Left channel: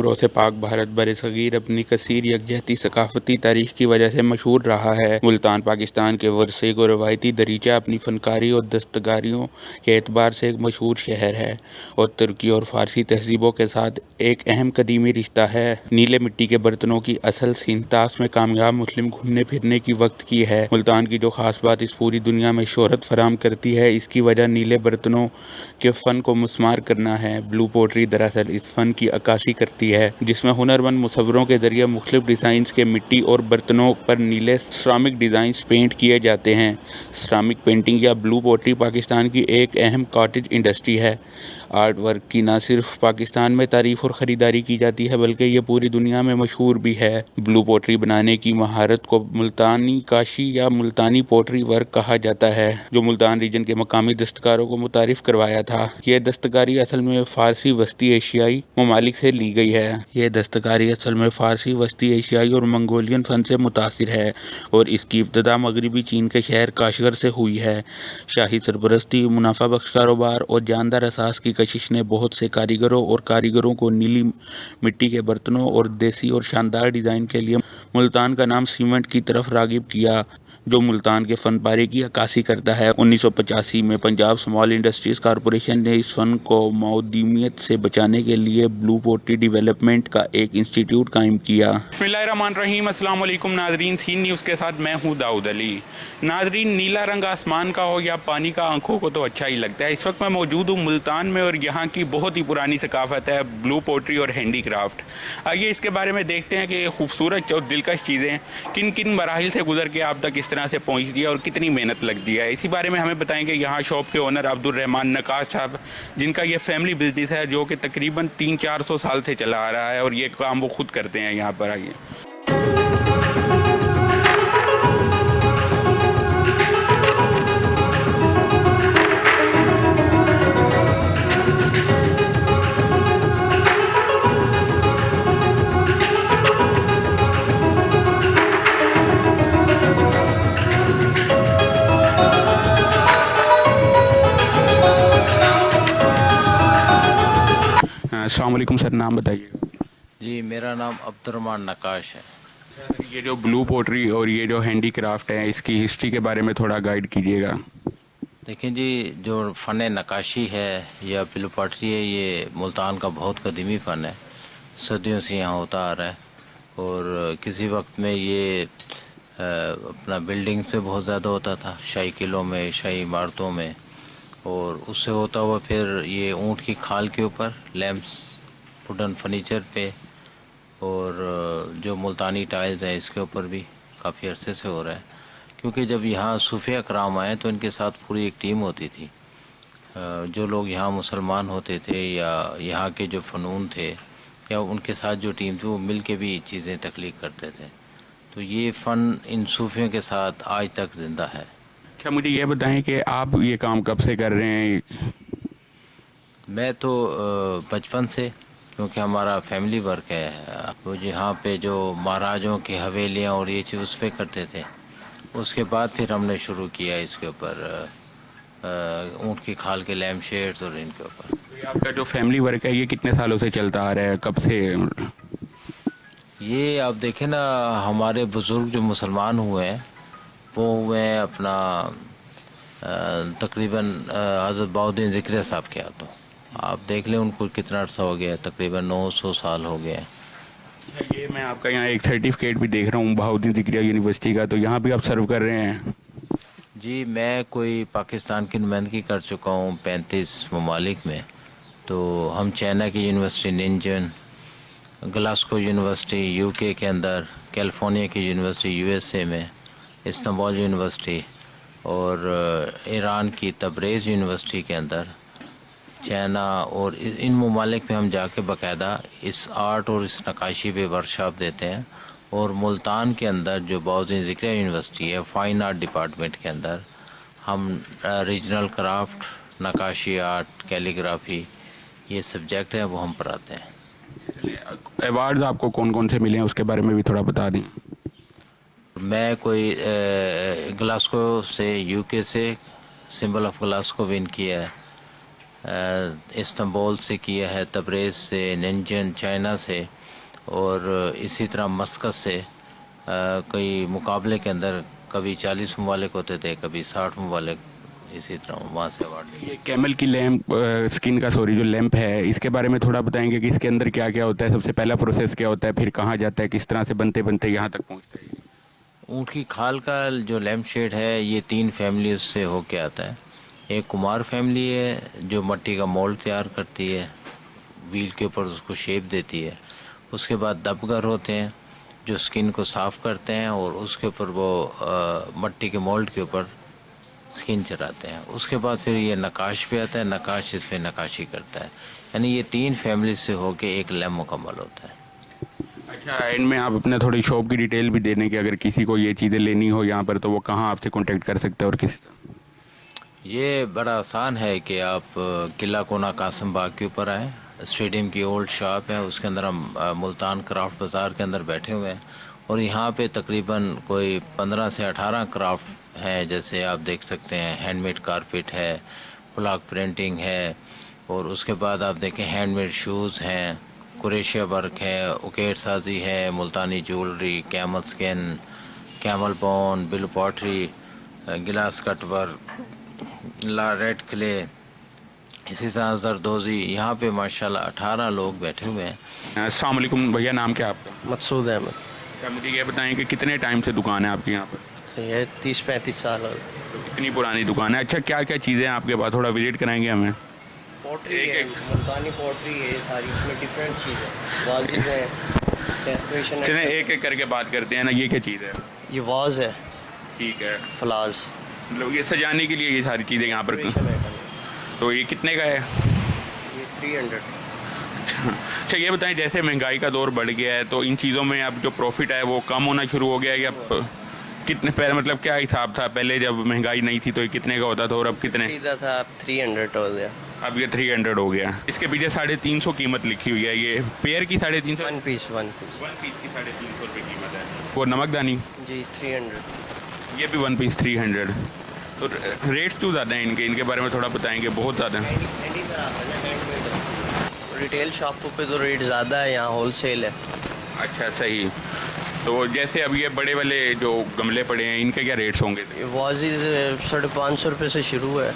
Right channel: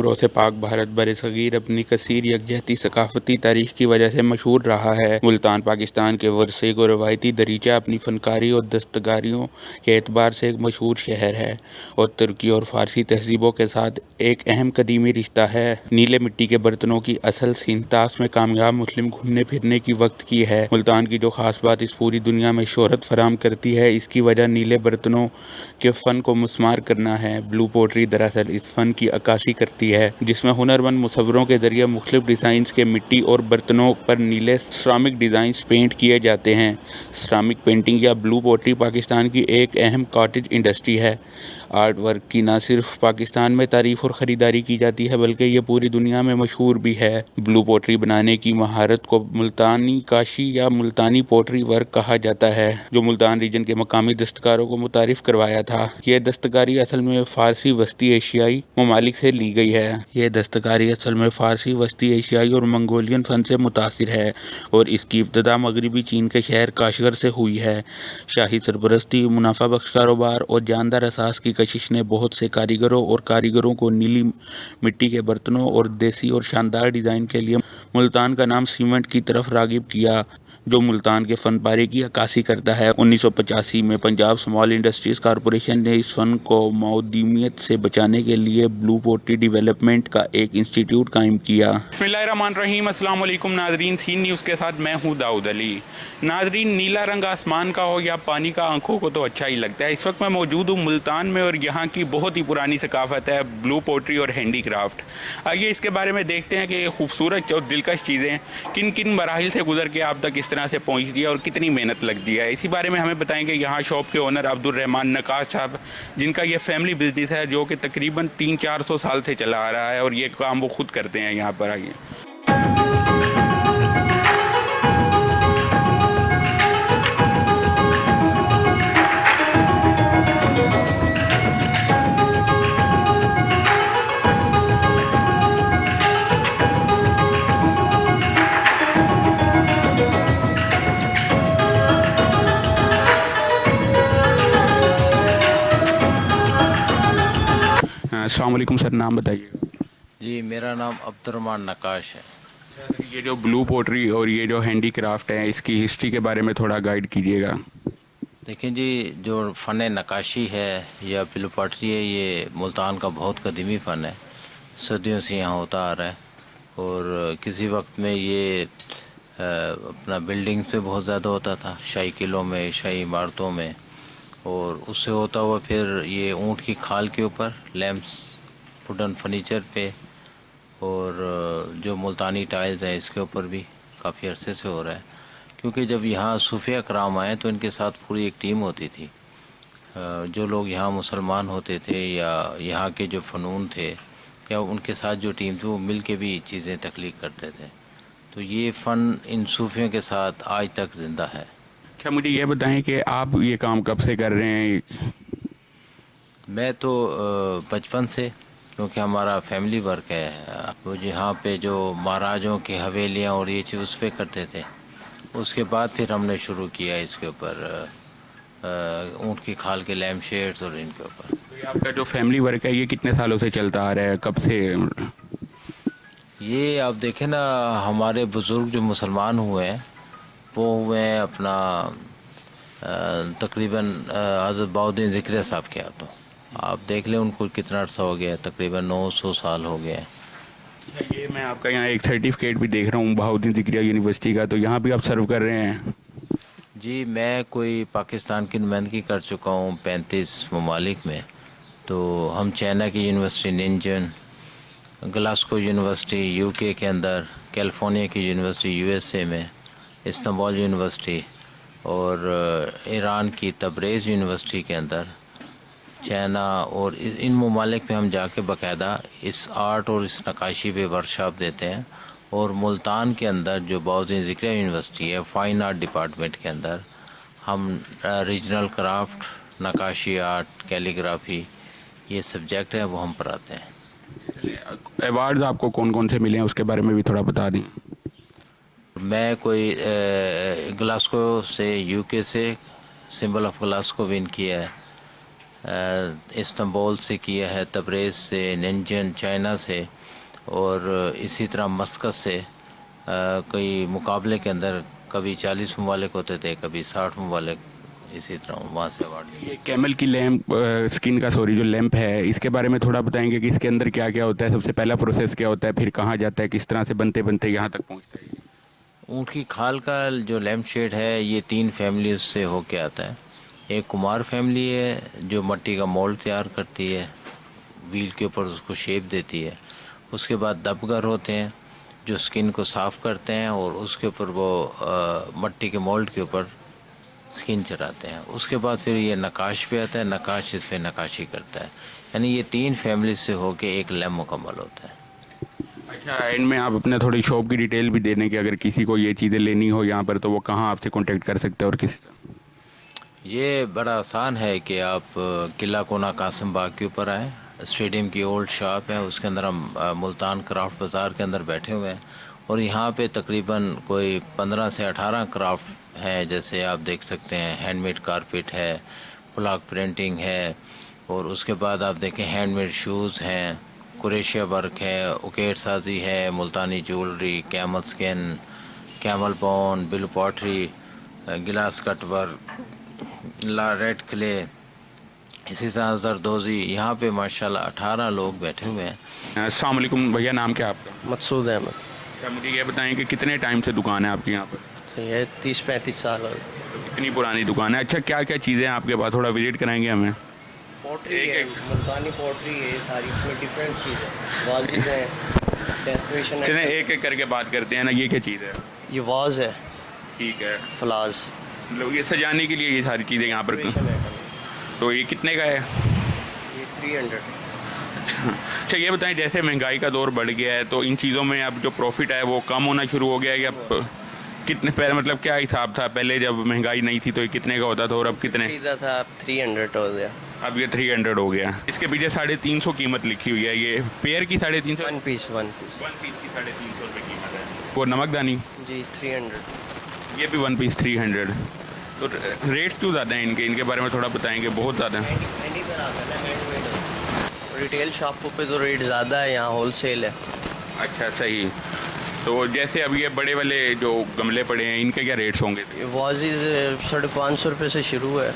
उम्रों से पाक भारत बरसगीर अपनी कसीर यकजहती सकाफती तारीख की वजह से मशहूर रहा है। मुल्तान पाकिस्तान के वरसे को रवायती दरीचा अपनी फनकारी और दस्तकारियों के एतबार से एक मशहूर शहर है और तुर्की और फारसी तहजीबों के साथ एक अहम कदीमी रिश्ता है। नीले मिट्टी के बर्तनों की असल सिंतास में कामयाब मुस्लिम घूमने फिरने की वक्त की है। मुल्तान की जो खास बात इस पूरी दुनिया में शोहरत फराम करती है, इसकी वजह नीले बर्तनों के फ़न को मुस्मार करना है। ब्लू पोट्री दरअसल इस फ़न की अक्कासी करती है, जिसमें हुनरमंद मुसव्वरों के ज़रिए मुख्तलिफ डिज़ाइंस के मिट्टी और बर्तनों पर नीले सिरामिक डिज़ाइंस पेंट किए जाते हैं। सिरामिक पेंटिंग या ब्लू पोट्री पाकिस्तान की एक अहम कॉटेज इंडस्ट्री है। आर्ट वर्क की न सिर्फ पाकिस्तान में तारीफ और ख़रीदारी की जाती है, बल्कि ये पूरी दुनिया में मशहूर भी है। ब्लू पोट्री बनाने की महारत को मुल्तानी काशी या मुल्तानी पोट्री वर्क कहा जाता है, जो मुल्तान रीजन के मकामी दस्तकारों को मुतारिफ करवाया था। यह दस्तकारी असल में फ़ारसी वस्ती एशियाई ममालिक से ली गई है। यह दस्तकारी असल में फ़ारसी वस्ती एशियाई और मंगोलियन फ़न से मुतासिर है और इसकी इब्तदा मगरबी चीन के शहर काशगर से हुई है। शाही सरपरस्ती, मुनाफा बख्श कारोबार और जानदार असास की कशिश ने बहुत से कारीगरों को नीली मिट्टी के बर्तनों और देसी और शानदार डिज़ाइन के लिए मुल्तान का नाम सीमेंट की तरफ रागिब किया, जो मुल्तान के फ़नपारे की अक्कासी करता है। 1985 में पंजाब स्मॉल इंडस्ट्रीज़ कॉरपोरेशन ने इस फ़न को मौदूमियत से बचाने के लिए ब्लू पोट्री डेवलपमेंट का एक इंस्टीट्यूट कायम किया। बिस्मिल्लाहिर्रहमानिर्रहीम, अस्सलाम वालेकुम नाज़रीन, सीन न्यूज़ के साथ मैं हूँ दाऊद अली। नाज़रीन, नीला रंग आसमान का हो या पानी का, आंखों को तो अच्छा ही लगता है। इस वक्त मैं मौजूद हूँ मुल्तान में और यहाँ की बहुत ही पुरानी सकाफ़त है ब्लू पोट्री और हैंडी क्राफ्ट। आइए इसके बारे में देखते हैं कि खूबसूरत और दिलकश चीज़ें किन किन मराहिल से गुजर के आप तक इस तरह से पहुंचती है और कितनी मेहनत लगती है। इसी बारे में हमें बताएंगे यहाँ शॉप के ओनर अब्दुल रहमान नकाश साहब, जिनका ये फैमिली बिजनेस है जो कि तकरीबन 300-400 साल से चला आ रहा है और ये काम वो खुद करते हैं यहाँ पर। आइए। अस्सलाम वालेकुम सर, नाम बताइए। जी, मेरा नाम अब्दुर्रहमान नकाश है। ये जो ब्लू पोट्री और ये जो हैंडी क्राफ्ट है, इसकी हिस्ट्री के बारे में थोड़ा गाइड कीजिएगा। देखें जी, जो फ़न नक्काशी है या ब्लू पॉटरी है, ये मुल्तान का बहुत कदीमी फ़न है। सदियों से यहाँ होता आ रहा है और किसी वक्त में ये अपना बिल्डिंग पे बहुत ज़्यादा होता था, शाही किलों में, शाही इमारतों में, और उससे होता हुआ फिर ये ऊँट की खाल के ऊपर लैंप्स, वुडन फर्नीचर पे, और जो मुल्तानी टाइल्स हैं इसके ऊपर भी काफ़ी अरसे से हो रहा है। क्योंकि जब यहाँ सूफिया कराम आए तो इनके साथ पूरी एक टीम होती थी। जो लोग यहाँ मुसलमान होते थे या यहाँ के जो फ़नून थे या उनके साथ जो टीम थी, वो मिल के भी चीज़ें तख्लीक करते थे। तो ये फ़न इन सूफियों के साथ आज तक ज़िंदा है। अच्छा, मुझे ये बताएं कि आप ये काम कब से कर रहे हैं। मैं तो बचपन से, क्योंकि हमारा फैमिली वर्क है, वो यहाँ पे जो महाराजों की हवेलियाँ और ये चीज़ उस पर करते थे। उसके बाद फिर हमने शुरू किया इसके ऊपर ऊँट की खाल के लैम्प शेड्स और इनके ऊपर। तो ये आपका जो फैमिली वर्क है, ये कितने सालों से चलता आ रहा है, कब से। ये आप देखें ना, हमारे बुज़ुर्ग जो मुसलमान हुए हैं वो हुए हैं अपना तकरीबन हज़रत बहाउद्दीन ज़िक्रिया साहब के हाथों। आप देख लें उनको कितना अर्सा हो गया, तकरीबन 900 साल हो गए हैं। ये मैं आपका यहाँ एक सर्टिफिकेट भी देख रहा हूँ बहाउद्दीन ज़िक्रिया यूनिवर्सिटी का, तो यहाँ भी आप सर्व कर रहे हैं। जी, मैं कोई पाकिस्तान की नुमाइंदगी कर चुका हूँ 35 ममालिक में। तो हम चाइना की यूनिवर्सिटी निंजन, ग्लासगो यूनिवर्सिटी यूके के अंदर, कैलिफोर्निया की यूनिवर्सिटी यूएसए में, इस्तांबुल यूनिवर्सिटी और ईरान की तबरेज़ यूनिवर्सिटी के अंदर, चाइना और इन ममालिक में हम जाके बाकायदा इस आर्ट और इस नक्काशी पे वर्कशॉप देते हैं। और मुल्तान के अंदर जो बहाउद्दीन ज़िक्रिया यूनिवर्सिटी है, फ़ाइन आर्ट डिपार्टमेंट के अंदर हम रीजनल क्राफ्ट, नक्काशी आर्ट, कैलीग्राफी, ये सब्जेक्ट हैं वो हम पढ़ाते हैं। अवार्ड्स आपको कौन कौन से मिले हैं, उसके बारे में भी थोड़ा बता दें। मैं कोई ग्लासगो से, यूके से सिंबल ऑफ ग्लासगो विन किया है। इस्तांबुल से किया है, तबरेज़ से, नंजन चाइना से, और इसी तरह मस्कत से कई मुकाबले के अंदर कभी 40 ममालिक होते थे, कभी 60 ममालिक, इसी तरह वहाँ से अवार्ड। ये कैमल की लैम्प स्किन का जो लैंप है, इसके बारे में थोड़ा बताएंगे कि इसके अंदर क्या क्या होता है, सबसे पहला प्रोसेस क्या होता है, फिर कहाँ जाता है, किस तरह से बनते बनते यहाँ तक पहुँचता है। ऊँट की खाल का जो लैम्प शेड है ये 3 फैमिली से होके आता है। एक कुमार फैमिली है जो मिट्टी का मोल्ड तैयार करती है, व्हील के ऊपर उसको शेप देती है। उसके बाद दबगर होते हैं जो स्किन को साफ़ करते हैं और उसके ऊपर वो मिट्टी के मोल्ड के ऊपर स्किन चढ़ाते हैं। उसके बाद फिर ये नकाश पे आता है, नकाश इस पे नकाशी करता है। यानी ये 3 फैमिली से होके एक लैम्प मुकम्मल होता है। अच्छा, एंड में आप अपने थोड़ी शॉप की डिटेल भी दे दें कि अगर किसी को ये चीज़ें लेनी हो यहाँ पर तो वो कहाँ आपसे कांटेक्ट कर सकते हैं और किस। ये बड़ा आसान है कि आप किला कोना कासिम बाग के ऊपर आएँ, स्टेडियम की ओल्ड शॉप है, उसके अंदर हम मुल्तान क्राफ्ट बाज़ार के अंदर बैठे हुए हैं और यहाँ पे तकरीबन कोई 15 से 18 क्राफ्ट हैं। जैसे आप देख सकते हैं हैंडमेड कारपेट है, ब्लॉक प्रिंटिंग है, और उसके बाद आप देखें हैंडमेड शूज़ हैं, कुरेशिया वर्क है, उकेट साजी है, Multani jewellery, camel skin, camel bone, blue pottery, glass cut work, red clay, इसी तरह जरदोज़ी। यहाँ पे माशाल्लाह 18 लोग बैठे हुए हैं। अस्सलाम वालेकुम भैया, नाम क्या है आपका? मकसूद अहमद। अच्छा, मुझे ये बताएं कि कितने टाइम से दुकान है आपकी यहाँ पर? तो ये 30-35 साल हो गए। कितनी पुरानी दुकान है? अच्छा, क्या क्या चीज़ें हैं आपके पास, थोड़ा विजिट कराएंगे हमें? पोट्री एक- है, एक- मुल्तानी पोट्री है, ये सारी इसमें डिफरेंट चीज़ है। वाजिब है, डेकोरेशन चलें है। एक एक करके बात करते हैं ना, ये क्या चीज़ है? ये वाज है, ठीक है, फ्लाज। मतलब ये सजाने के लिए ये सारी चीज़ें यहाँ पर। डेकोरेशन आइटम है। तो ये कितने का है? ये 300। अच्छा, ये बताएं जैसे महंगाई का दौर बढ़ गया है तो इन चीज़ों में अब जो प्रॉफिट है वो कम होना शुरू हो गया है या कितने पहले, मतलब क्या हिसाब था पहले जब महंगाई नहीं थी तो ये कितने का होता था और अब कितने? खरीदा था, अब 300 हो गया। अब ये 300 हो गया। इसके पीछे 350 कीमत लिखी हुई है, ये पेयर की 350, वन पीस वन पीस की 350 रुपये कीमत है। वो नमकदानी जी 300। ये भी वन पीस 300। तो रेट क्यों ज़्यादा हैं इनके बारे में थोड़ा बताएंगे? बहुत ज़्यादा है। रिटेल शॉपों पे तो रेट ज़्यादा है, यहाँ होल सेल है। अच्छा, सही। तो जैसे अब ये बड़े वाले जो गमले पड़े हैं इनके क्या रेट्स होंगे? ये वाजिब 550 रुपये से शुरू है।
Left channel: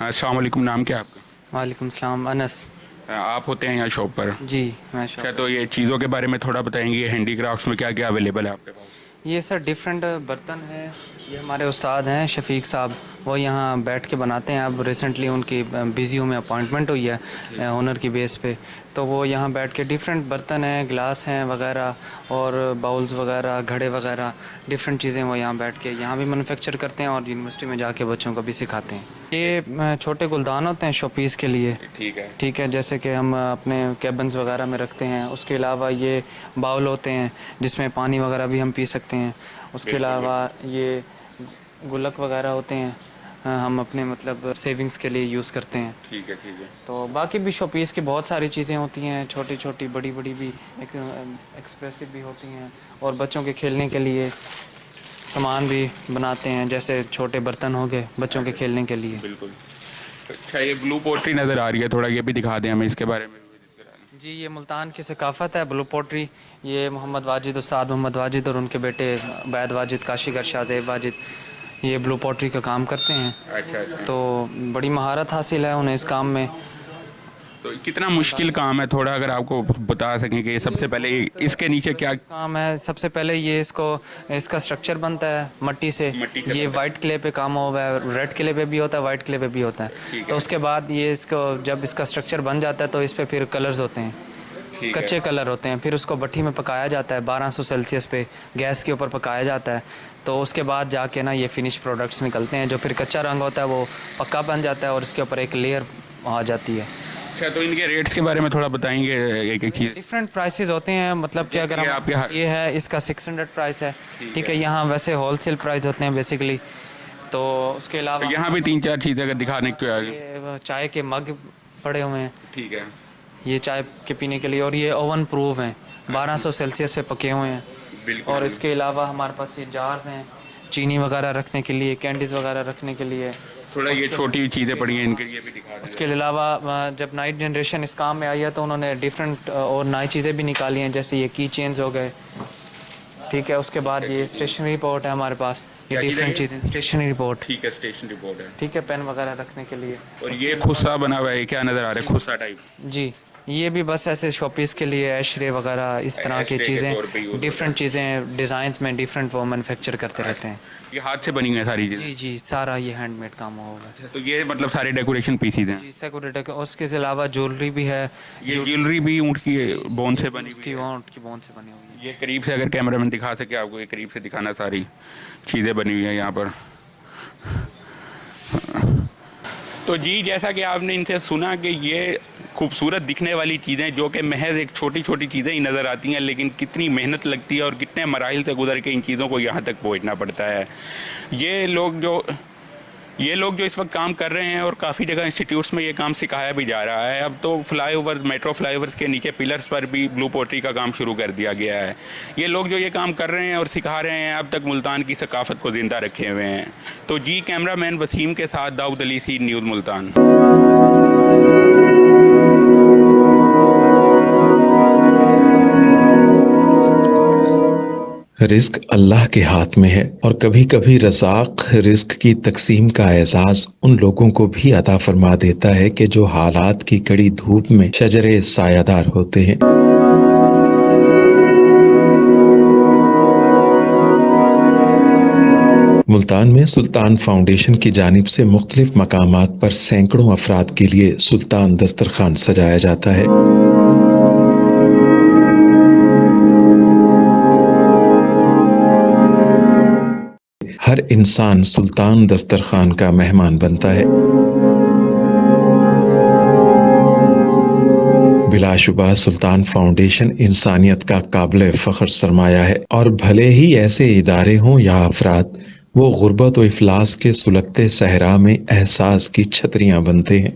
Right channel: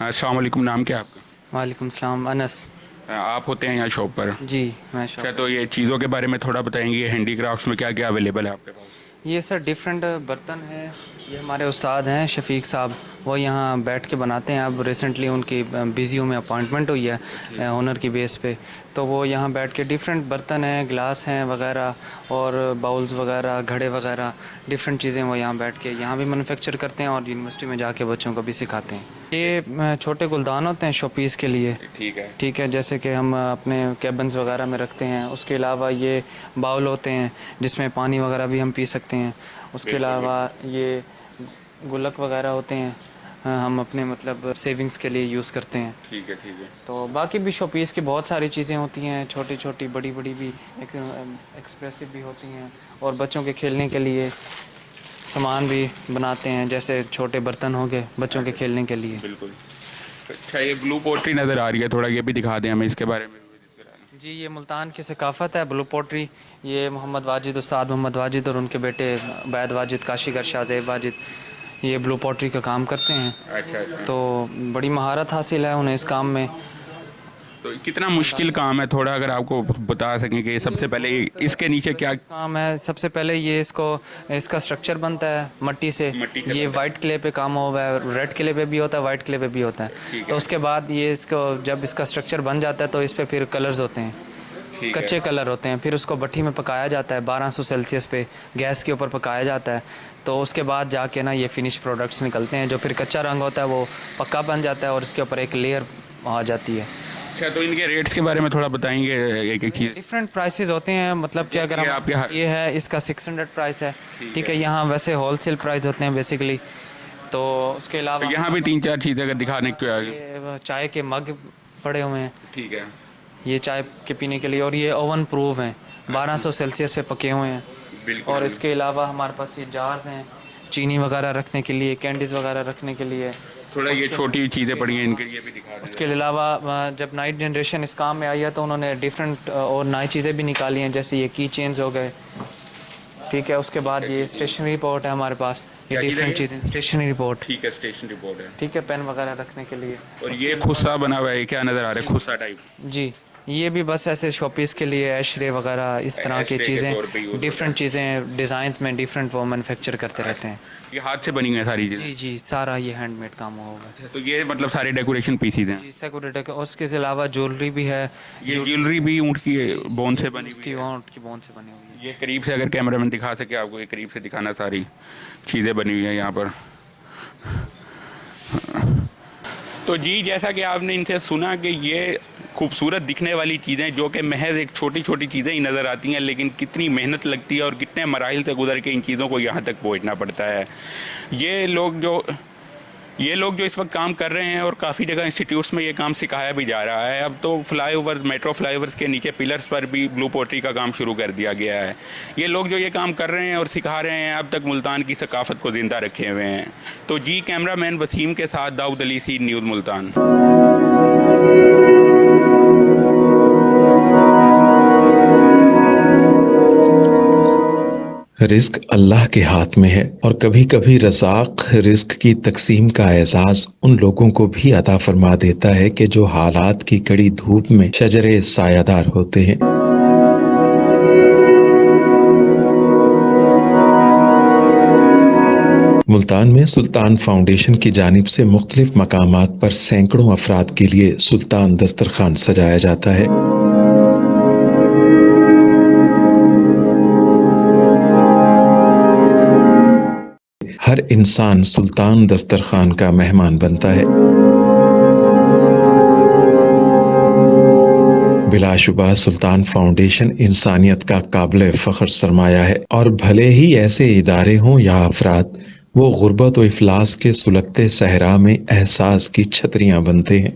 अस्सलाम वालेकुम, नाम क्या है आपका? वालेकुम सलाम, अनस। आप होते हैं यहाँ शॉप पर? जी मैं शॉप। अच्छा, तो ये चीज़ों के बारे में थोड़ा बताएंगे, हैंडीक्राफ्ट्स में क्या क्या अवेलेबल है आपके पास? ये सर डिफरेंट बर्तन है। ये हमारे उस्ताद हैं शफीक साहब, वो यहाँ बैठ के बनाते हैं। अब रिसेंटली उनकी बिज़ियों में अपॉइंटमेंट हुई है हुनर की बेस पे, तो वो यहाँ बैठ के डिफरेंट बर्तन हैं, गिलास हैं वगैरह, और बाउल्स वगैरह, घड़े वगैरह, डिफरेंट चीज़ें वो यहाँ बैठ के यहाँ भी मैन्युफैक्चर करते हैं और यूनिवर्सिटी में जाके बच्चों को भी सिखाते हैं। ये छोटे गुलदान होते हैं शोपीस के लिए। ठीक है। ठीक है, जैसे कि हम अपने कैबन्स वगैरह में रखते हैं। उसके अलावा ये बाउल होते हैं जिसमें पानी वगैरह भी हम पी सकते हैं। उसके अलावा ये गुल्लक वगैरह होते हैं, हम अपने मतलब सेविंग्स के लिए यूज़ करते हैं। ठीक है, ठीक है। तो बाकी भी शोपीस की बहुत सारी चीज़ें होती हैं, छोटी छोटी बड़ी बड़ी भी, एक्सप्रेसिव भी होती हैं, और बच्चों के खेलने के लिए सामान भी बनाते हैं, जैसे छोटे बर्तन हो गए बच्चों के खेलने के लिए। बिल्कुल। अच्छा, ये ब्लू पोट्री नज़र आ रही है, थोड़ा ये भी दिखा दें हमें इसके बारे में। जी, ये मुल्तान की सकाफ़त है ब्लू पोट्री। ये मोहम्मद वाजिद, उस्ताद मोहम्मद वाजिद और उनके बेटे बैद वाजिद, काशीगर शाहजेब वाजिद, ये ब्लू पोट्री का काम करते हैं। अच्छा, अच्छा। तो बड़ी महारत हासिल है उन्हें इस काम में। तो कितना मुश्किल काम है, थोड़ा अगर आपको बता सकें कि सबसे पहले इसके नीचे क्या काम है? सबसे पहले ये इसका स्ट्रक्चर बनता है मिट्टी से। मिट्टी से ये बनता वाइट क्ले पे काम हुआ है, रेड क्ले पे भी होता है, वाइट क्ले पे भी होता है। तो उसके बाद ये इसको जब इसका स्ट्रक्चर बन जाता है तो इस पे फिर कलर्स होते हैं, ठीक है। कच्चे कलर होते हैं। फिर उसको भट्ठी में पकाया जाता है 1200 सेल्सियस पे गैस के ऊपर पकाया जाता है। तो उसके बाद जाके ना ये फिनिश प्रोडक्ट्स निकलते हैं। जो फिर कच्चा रंग होता है वो पक्का बन जाता है और इसके ऊपर एक लेयर आ जाती है। अच्छा, तो इनके रेट्स के बारे में थोड़ा बताएंगे एक एक चीज़? डिफरेंट प्राइसेस होते हैं, मतलब कि अगर ये हम आपके यहाँ- ये है इसका 600 प्राइस है। ठीक है, यहाँ वैसे होलसेल प्राइस होते हैं बेसिकली। तो उसके अलावा तो यहाँ भी 3-4 चीज़ें अगर दिखाने को आगे। ये चाय के मग पड़े हुए हैं, ठीक है। ये चाय के पीने के लिए, और ये ओवन प्रूफ हैं, 1200 सेल्सियस पे पके हुए हैं। बिल्कुल। और इसके अलावा हमारे पास ये जार्स हैं चीनी वगैरह रखने के लिए, कैंडीज़ वगैरह रखने के लिए। थोड़ा ये छोटी चीज़ें पड़ी हैं इनके लिए भी दिखा दें। उसके अलावा जब नाइट जनरेशन इस काम में आई है तो उन्होंने डिफरेंट और नई चीज़ें भी निकाली हैं, जैसे ये की चेन्स हो गए, ठीक है। उसके बाद ये स्टेशनरी रिपोर्ट है हमारे पास, ये डिफरेंट चीज़ें, स्टेशनरी रिपोर्ट, ठीक है, स्टेशन रिपोर्ट है। ठीक है, पेन वगैरह रखने के लिए। और ये खुस्सा बना हुआ है, क्या नज़र आ रहा है, खुस्सा टाइप? जी, ये भी बस ऐसे शोपीस के लिए एशरे वगैरह इस तरह की एशरे के तौर पे यूज़ चीज़ें, डिफरेंट चीज़ें डिज़ाइंस में डिफरेंट वो मैनुफैक्चर करते रहते हैं। ये हाथ से बनी हुई है सारी चीज़ें? जी जी, सारा ये हैंडमेड काम होगा। तो ये मतलब सारे डेकोरेशन पीसीज हैं? जी, सिक्योरिटी के, उसके अलावा ज्वेलरी भी है। ये ज्वेलरी भी ऊँट की बोन से बनी हुई उसकी है? ऊँट की बोन से बनी हुई है। ये करीब से अगर कैमरामैन दिखा सके आपको, ये करीब से दिखाना, सारी चीज़ें बनी हुई हैं यहाँ पर। तो जी, जैसा कि आपने इनसे सुना कि ये खूबसूरत दिखने वाली चीज़ें जो कि महज एक छोटी छोटी चीज़ें ही नज़र आती हैं, लेकिन कितनी मेहनत लगती है और कितने मराइल से गुजर के इन चीज़ों को यहाँ तक पहुँचना पड़ता है। ये लोग जो इस वक्त काम कर रहे हैं, और काफ़ी जगह इंस्टीट्यूट्स में ये काम सिखाया भी जा रहा है। अब तो फ्लाईओवर, मेट्रो फ्लाईओवर्स के नीचे पिलर्स पर भी ब्लू पोट्री का काम शुरू कर दिया गया है। ये लोग जो ये काम कर रहे हैं और सिखा रहे हैं, अब तक मुल्तान की सकाफ़त को ज़िंदा रखे हुए हैं। तो जी, कैमरामैन वसीम के साथ दाऊद अली, सी न्यूज़ मुल्तान। रिस्क अल्लाह के हाथ में है, और कभी कभी रज़ाक रिस्क की तकसीम का एहसास उन लोगों को भी अता फरमा देता है कि जो हालात की कड़ी धूप में शजरे सायादार होते हैं। मुल्तान में सुल्तान फाउंडेशन की जानिब से मुख्तलिफ मकामात पर सैकड़ों अफराद के लिए सुल्तान दस्तरखान सजाया जाता है। हर इंसान सुल्तान दस्तरखान का मेहमान बनता है। बिलाशुबा सुल्तान फाउंडेशन इंसानियत का काबिल फ़ख्र सरमाया है, और भले ही ऐसे इदारे हों या अफराद, वो गुर्बत व इफलास के सुलगते सहरा में एहसास की छतरियां बनते हैं।